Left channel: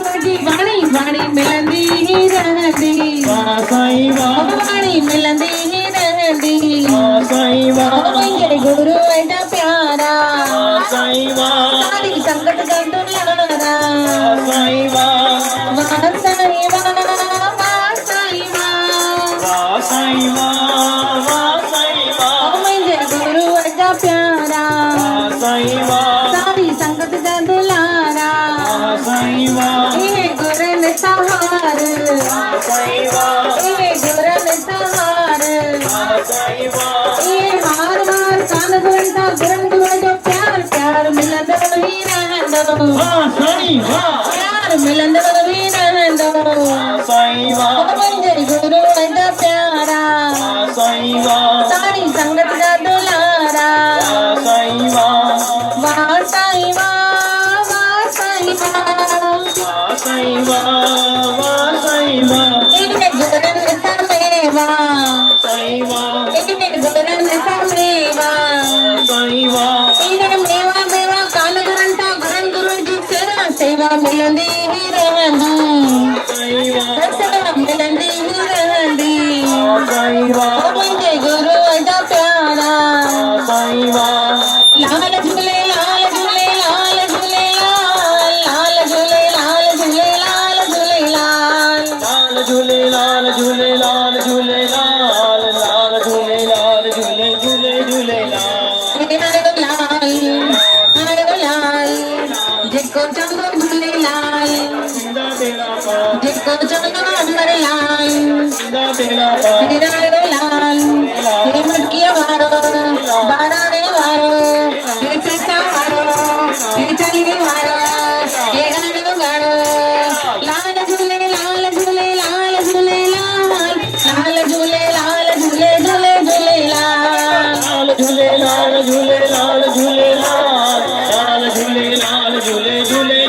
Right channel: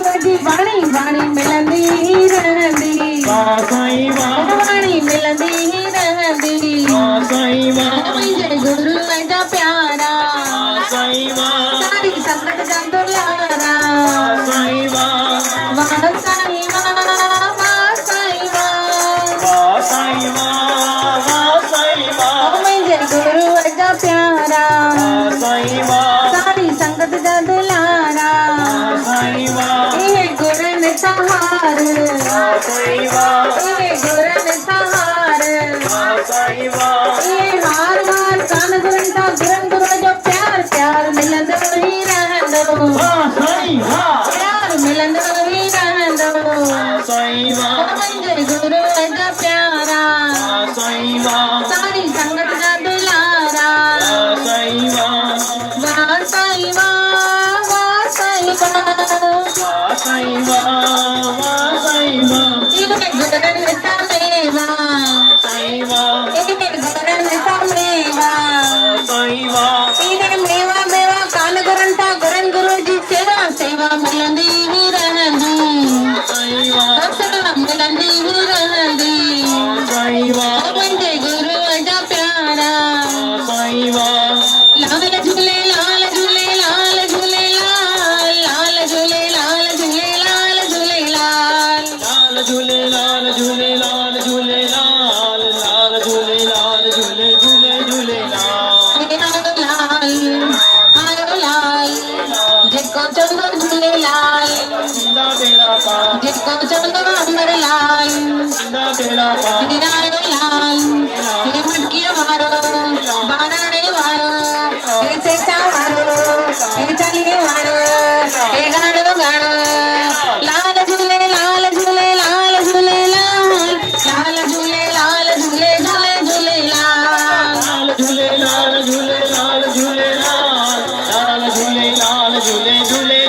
जी वाणी वाणी मिलंदी ही रहंदी वाह साईं वाह वाणी मिलंदी ही रहंदी वाह साईं वाह मुंहिंजे गुरु एॾा प्यारा वाह साईं वाह सारी संगत जा दुलारा वाह साईं वाह वाह साईं वाह वाह साईं वाह वाह साईं वाह वाह साईं वाह मुंहिंजे गुरु एॾा प्यारा वाह साईं वाह सारी संगत जा दुलारा वाह साईं वाह ए गुरन सहार वाह साईं वाह ए गुरन सहार वाह साईं वाह ए हार हार कान गुरन गुरन जो प्यार प्यार मिलंदो ही रहंदो वाह साईं वाह प्यार मिलंदो ही रहंदो साईं वाह मुंहिंजे गुरु एॾा प्यारा वाह साईं वाह सारी संगत जा दुलारा वाह साईं वाह वाह साईं वाह वाह साईं वाह वाह साईं वाह वाह साईं वाह इने गुरन समेवा साईं वाह इने गुरन समेवा साईं वाह इने मेवा मेवा कान गुरन ता गुरन गुरु जी सेवा सेवा मिलंदी ही रहंदी साईं वाह सेवा मिलंदी ही रहंदी साईं वाह मुंहिंजे गुरु एॾा प्यारा साईं वाह लाल झूले लाल झूले लाल झूले लाल लाल झूले लाल झूले लाल झूले लाल लाल झूले लाल झूले लाल झूले लाल लाल झूले लाल झूले झूले झूले लाल लाल जिसको चंदो झूले लाल जिंदा बेड़ा पार जिसको चंदो अमर लाल जिंदा बेड़ा पार